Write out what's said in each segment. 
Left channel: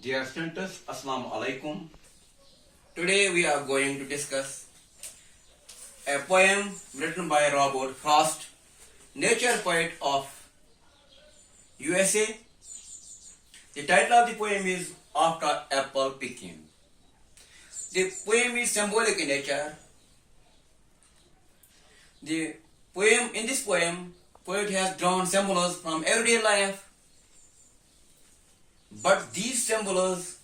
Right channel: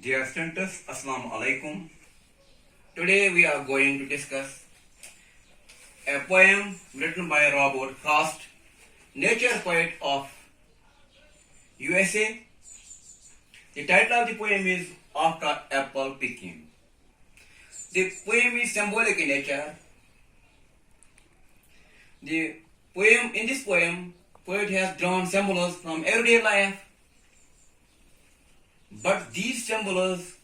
Dear students, Assalamu alaikum. Today we are going to discuss a poem written by Robert Frost, nature poet of USA. The title of the poem is After Apple Picking. The poem is symbolic in nature. In this poem, poet has drawn symbols from everyday life, but these symbols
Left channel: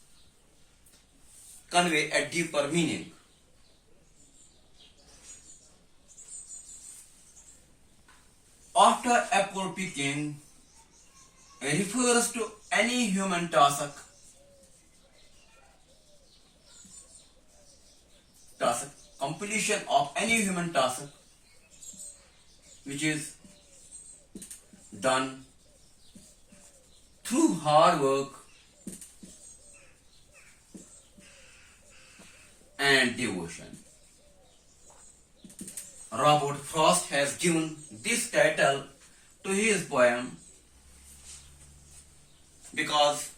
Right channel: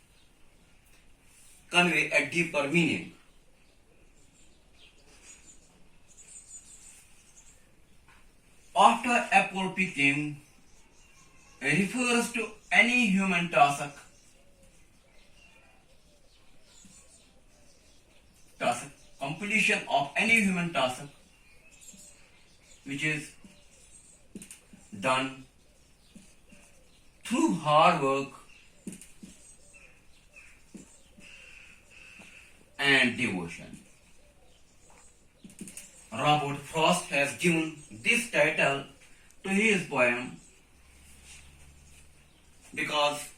convey a deeper meaning. After apple picking refers to any human task completion of any human task which is done through hard work and devotion. Robert Frost has given this title to his poem because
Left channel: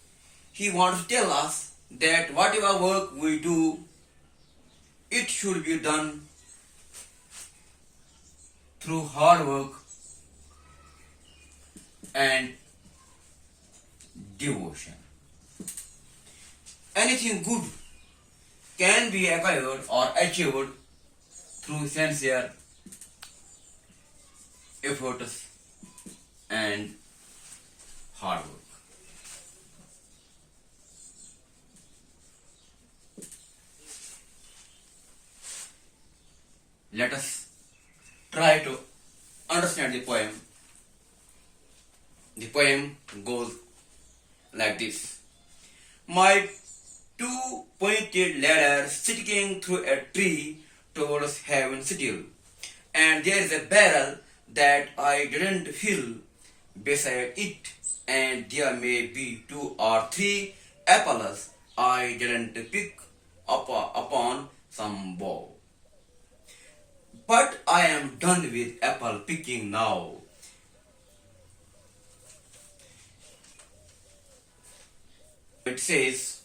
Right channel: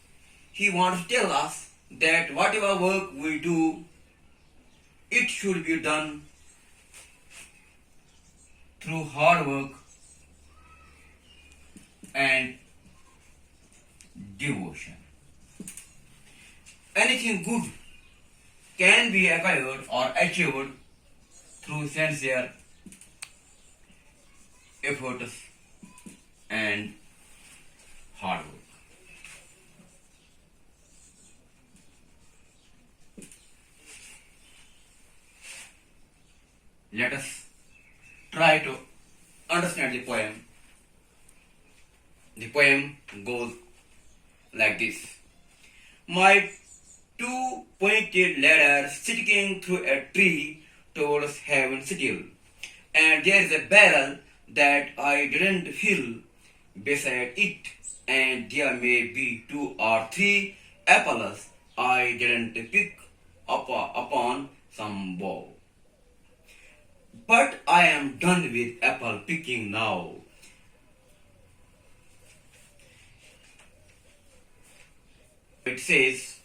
he wants to tell us that whatever work we do, it should be done through hard work and devotion. Anything good can be acquired or achieved through sincere efforts and hard work. Let us try to understand the poem. The poem goes like this. My two pointed ladders sticking through a tree towards heaven still, and there is a barrel that I didn't fill beside it, and there may be 2 or 3 apples I didn't pick up upon some bough. But I am done with apple picking now. It says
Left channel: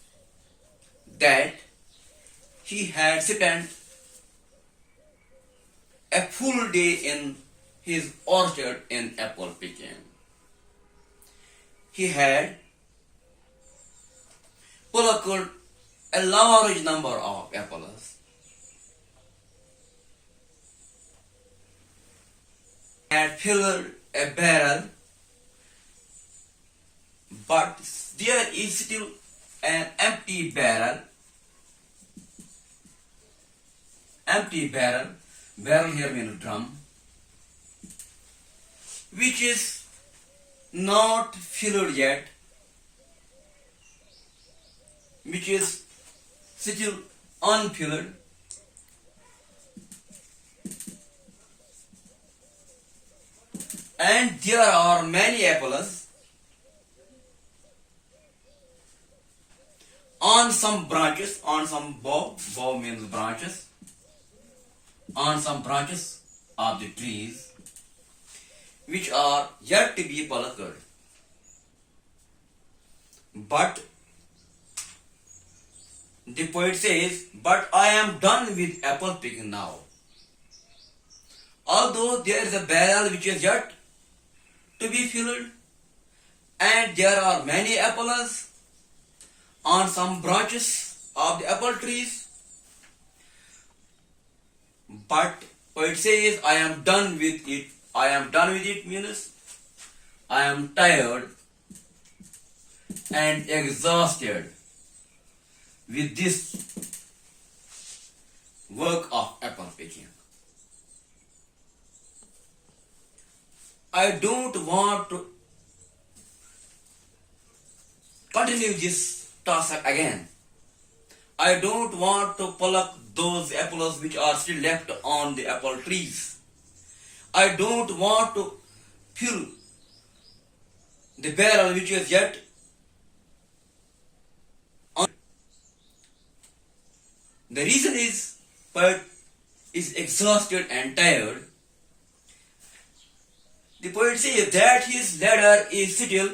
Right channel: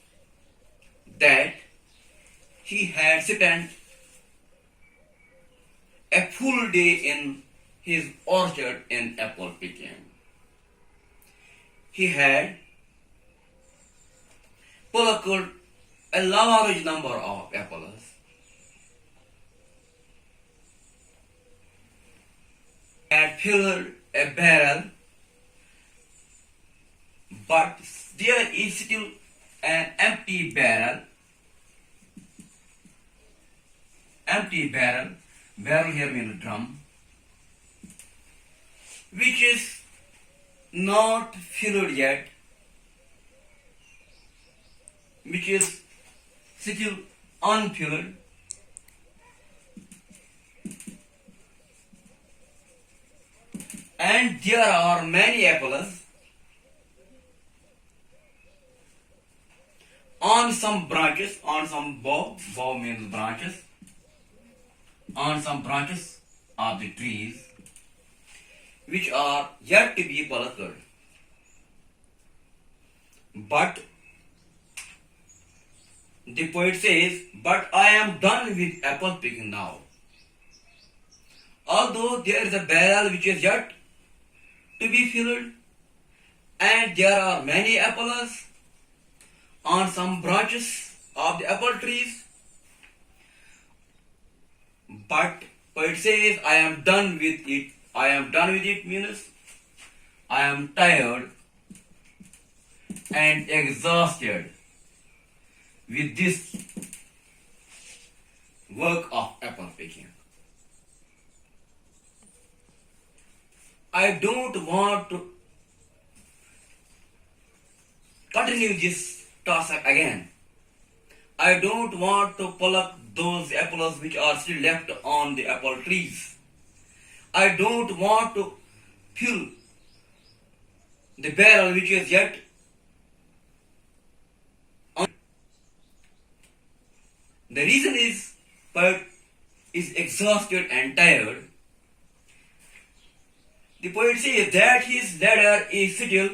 that he had spent a full day in his orchard in apple picking. He had plucked a large number of apples, had filled a barrel, but there is still an empty barrel. Barrel here means drum, which is not filled yet, which is still unfilled. And there are many apples on some branches, on some bough means branches, on some branches of the trees, which are yet to be plucked. But the poet says, but I am done with apple picking now. Although there is a barrel which is yet to be filled, and there are many apples on some branches of the apple trees, but it says I am done with it. I am done with it means I am tired and exhausted with this work of apple picking. I don't want to continue this task again. I don't want to pluck those apples which are still left on the apple trees. I don't want to fill the barrel which is yet on. The reason is poet is exhausted and tired. The poet says that his ladder is still,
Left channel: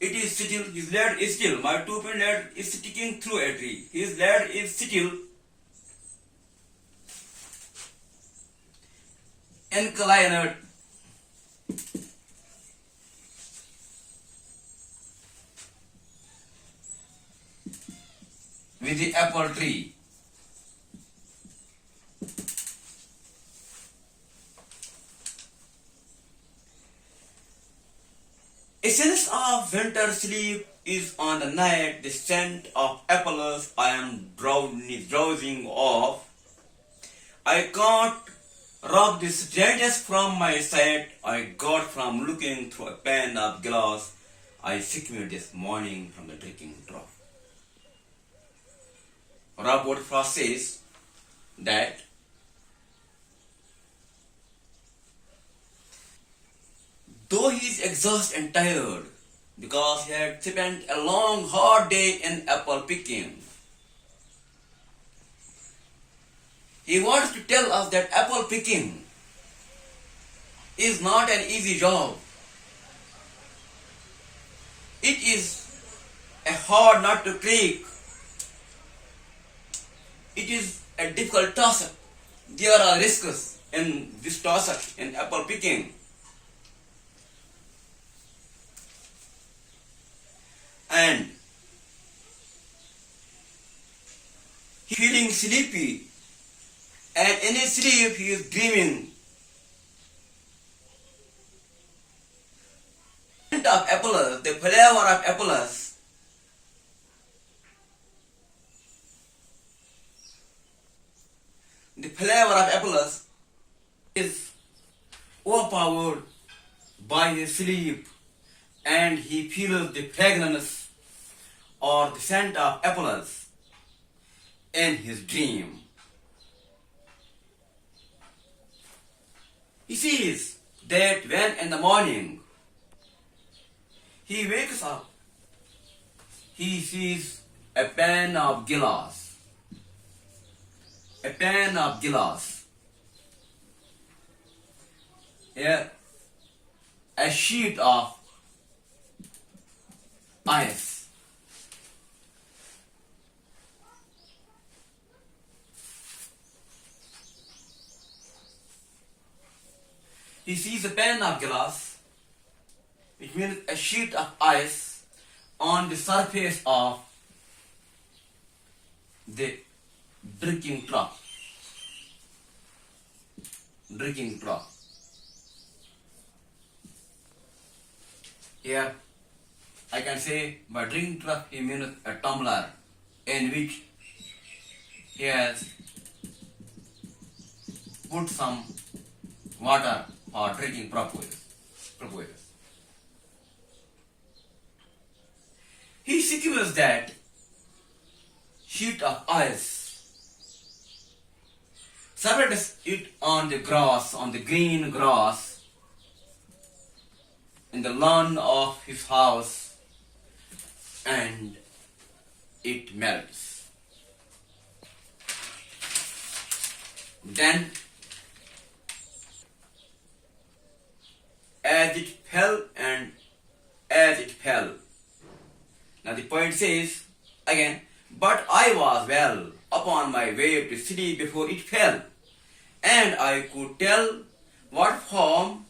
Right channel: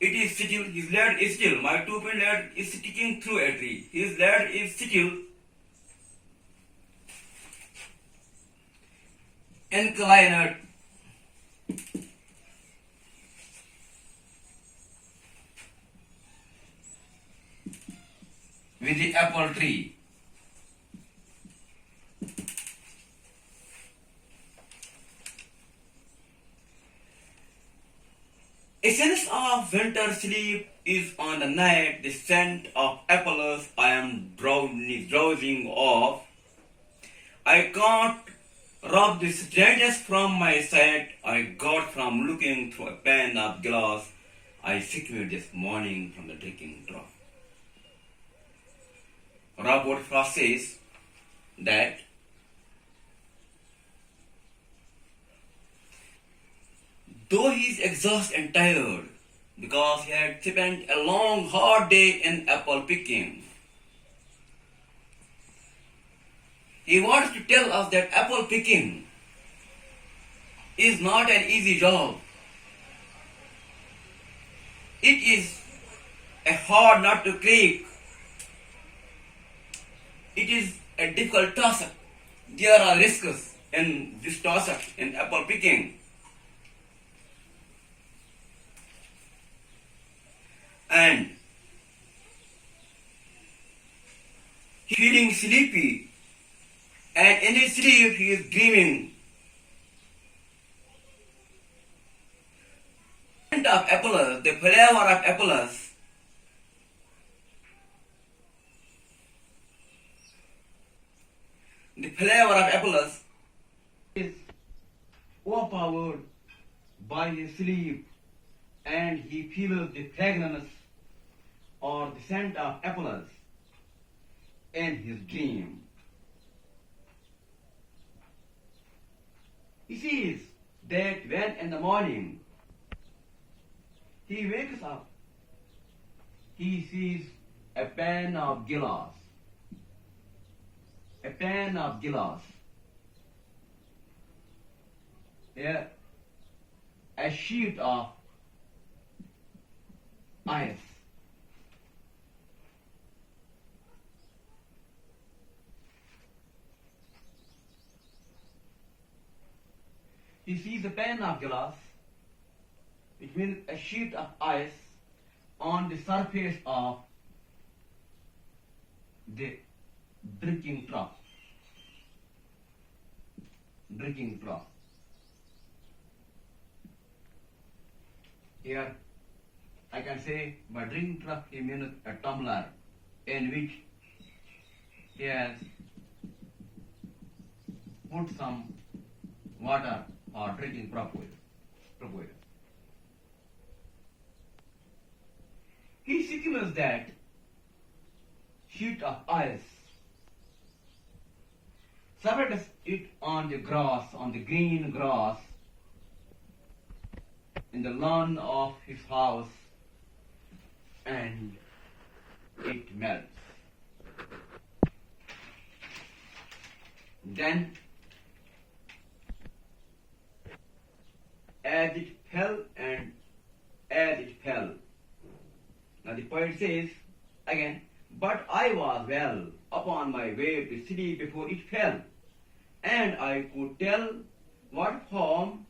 it is still. His ladder is still. My 2-point ladder is sticking through a tree. His ladder is still. Inclined with the apple tree. Essence of winter sleep is on the night, the scent of apples I am drowsing off. I can't rub the strangeness from my sight I got from looking through a pane of glass I secured this morning from the drinking trough. Robert Frost says that though he is exhausted and tired because he had spent a long hard day in apple picking, he wants to tell us that apple picking is not an easy job. It is a hard nut to crack. It is a difficult task. There are risks in this task in apple picking. And feeling sleepy, and in his sleep he is dreaming. The scent of apples, the flavor of apples, is overpowered by his sleep, and he feels the fragrance or the scent of apples in his dream. He sees that when in the morning he wakes up, he sees a pan of glass. A pan of glass. Here, a sheet of ice. He sees a pan of glass, which means a sheet of ice on the surface of the drinking trough. Drinking trough. Here, I can say by drinking trough he means a tumbler in which he has put some water or drinking purposes. He secures that sheet of ice, spreads it on the grass, on the green grass, in the lawn of his house, and it melts. Then, as it fell and as it fell. Now the poet says again, but I was well upon my way to sleep before it fell, and I could tell what form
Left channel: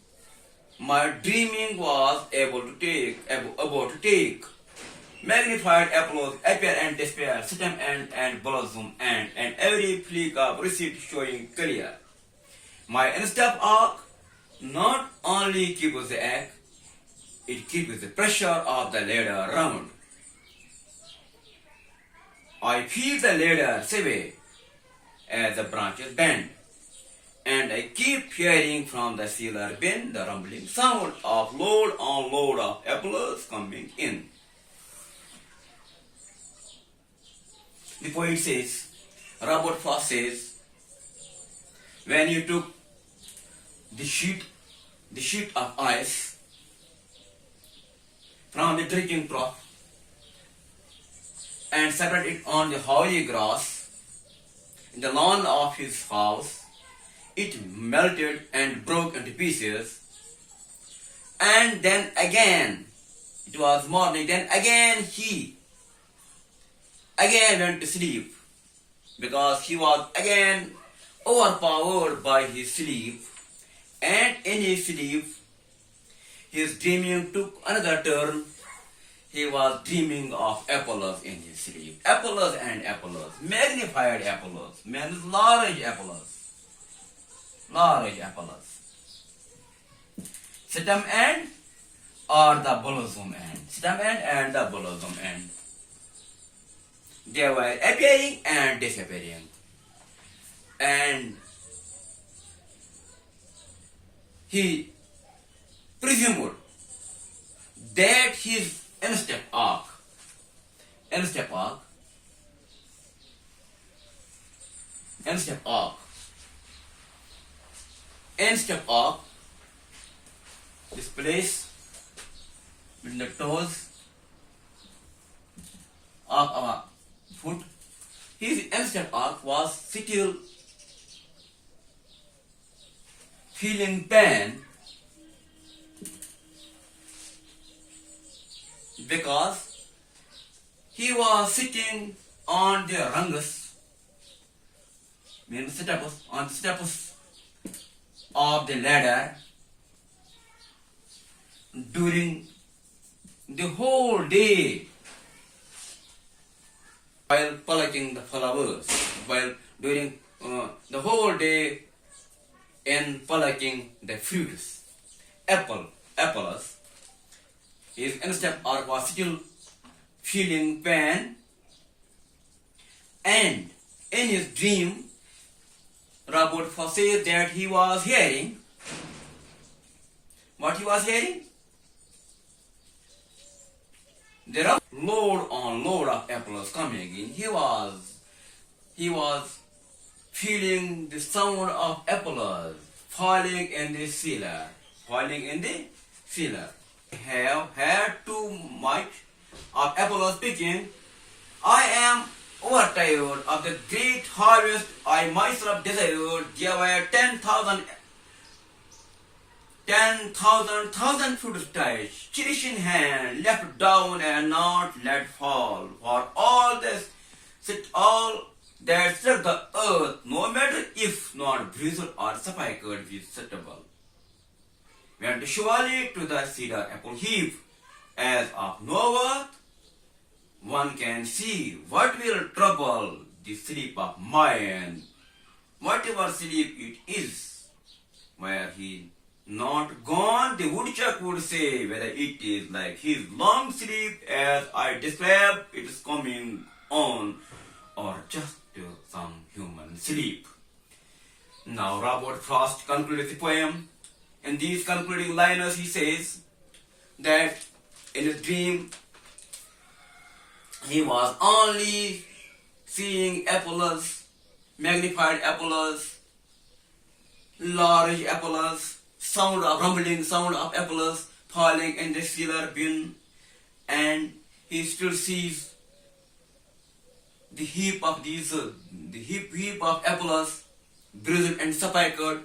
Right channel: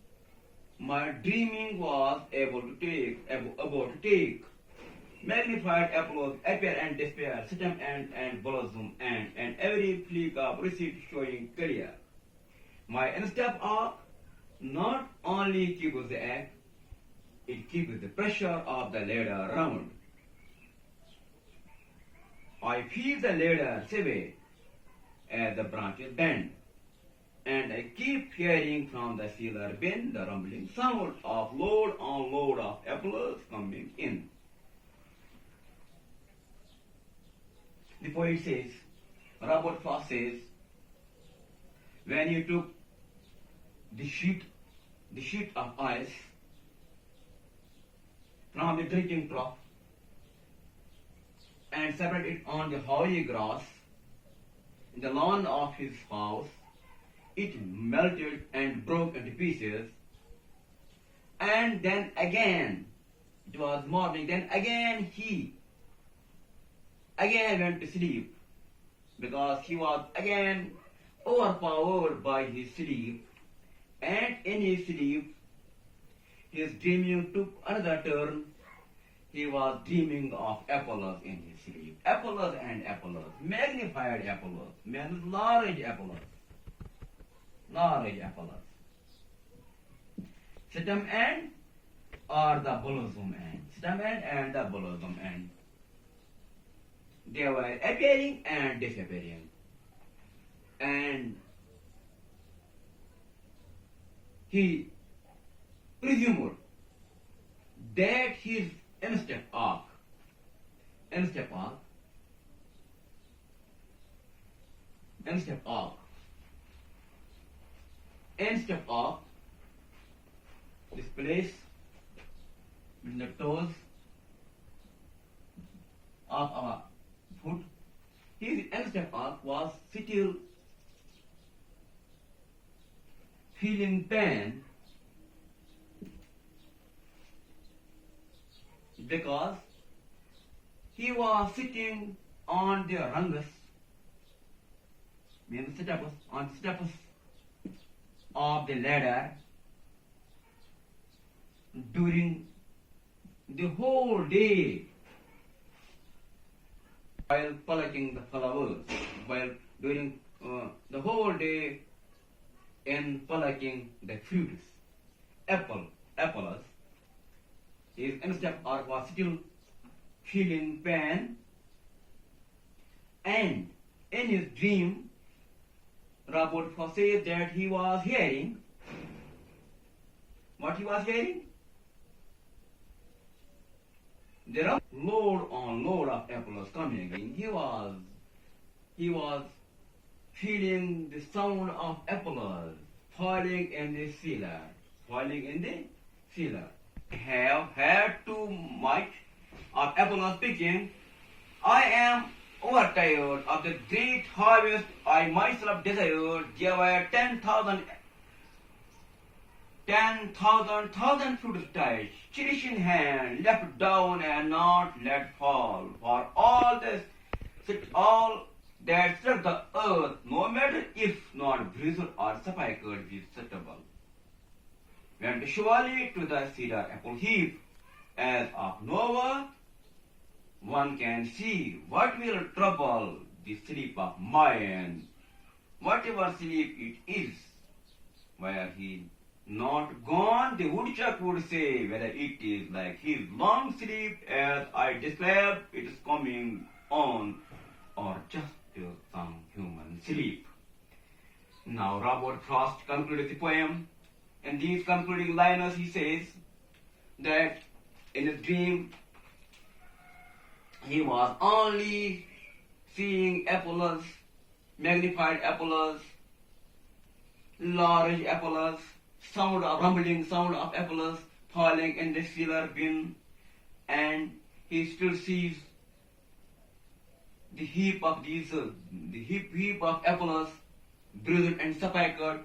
my dreaming was able to take. Magnified applause, appear and despair, stem and blossom, and every flick of receipt showing clear. My instep arc not only keeps the egg, it keeps the pressure of the ladder round. I feel the ladder sway as the branches bend, and I keep hearing from the cellar bin the rumbling sound of load on load of apples coming in. The poet says, Robert Frost says, when you took the sheet of ice from the drinking trough and spread it on the hoary grass in the lawn of his house, it melted and broke into pieces, and then again It was morning. Then again he again went to sleep because he was again overpowered by his sleep. And in his sleep, his dreaming took another turn. He was dreaming of Apollos in his sleep. Apollos and Apollos, magnified Apollos, means large Apollos. Large Apollos. Stem end or the bosom end. Stem end and the bosom end. They were appearing and disappearing. And he presumed that his instep arc this place between the toes of our foot, his instep arc was still feeling pain because he was sitting on the rungus, means steps of the ladder during the whole day while plucking the flowers, while during the whole day in plucking the fruits. Apples. His instep arc was still feeling pain, and in his dream, Robert says that he was hearing. What he was hearing? There are load on load of apples coming in. He was feeling the sound of apples falling in the cellar. Have had too much of apples picking. I am overtired of the great harvest I myself desired. There were 10,000 footsteps, cherish in hand, left down and not let fall. For all that struck the earth, no matter if not bruised or sufficed, with suitable, went surely to the cedar apple heap, as of no worth one can see. What will trouble the sleep of mine? Whatever sleep it is, were he not gone, the woodchuck would say whether it is like his long sleep as I describe it is coming on, or just some human sleep. Now Robert Frost concluded the poem. In these concluding liners he says that in his dream he was only seeing apples, magnified apples, large apples, rumbling sound of apples falling in the cellar bin, and he still sees the heap of apples, bruised and sepulchred,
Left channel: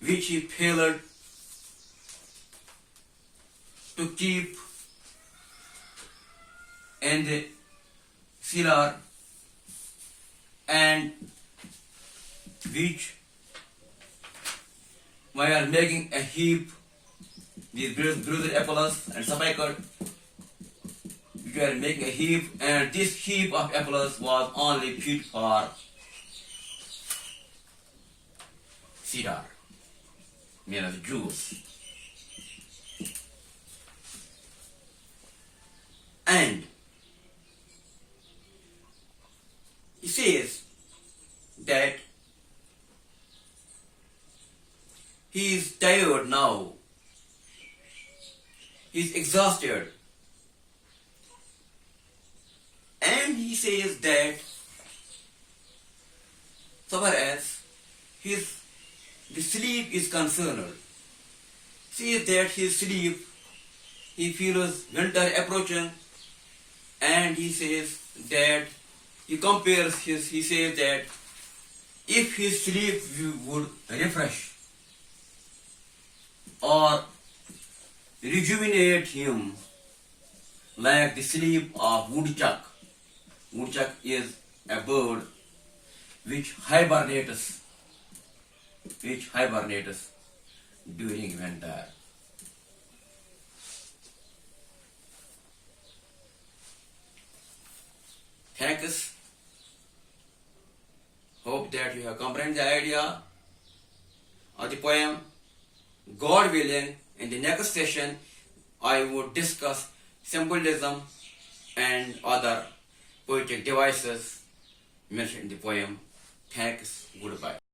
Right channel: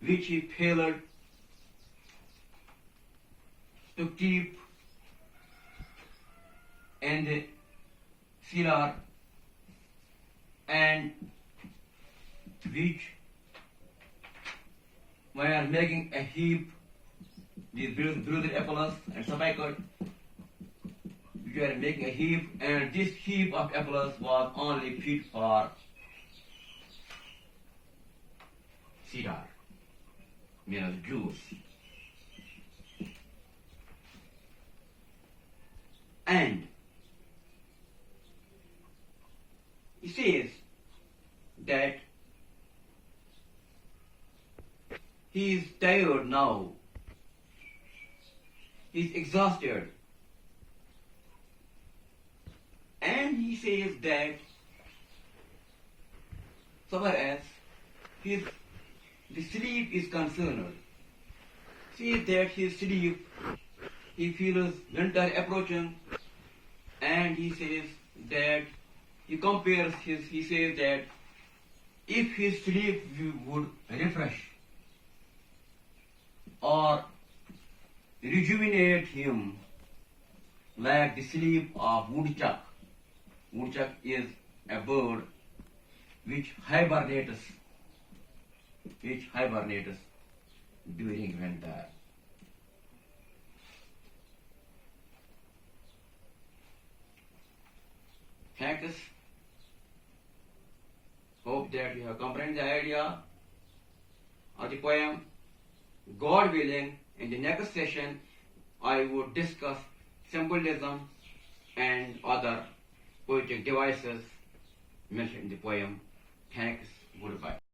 which he failed to keep in the cellar, and which were making a heap, these bruised apples and sepulchred, which were making a heap, and this heap of apples was only fit for cedar, means juice. And he says that he is tired now, he is exhausted, and he says that so far as the sleep is concerned, says that his sleep, he feels winter approaching, and he says that he says that if his sleep would refresh or rejuvenate him like the sleep of woodchuck. Woodchuck is a bird which hibernates during winter. Thanks. Hope that you have comprehended the idea of the poem. God willing, in the next session, I would discuss symbolism and other poetic devices mentioned in the poem. Thanks. Goodbye.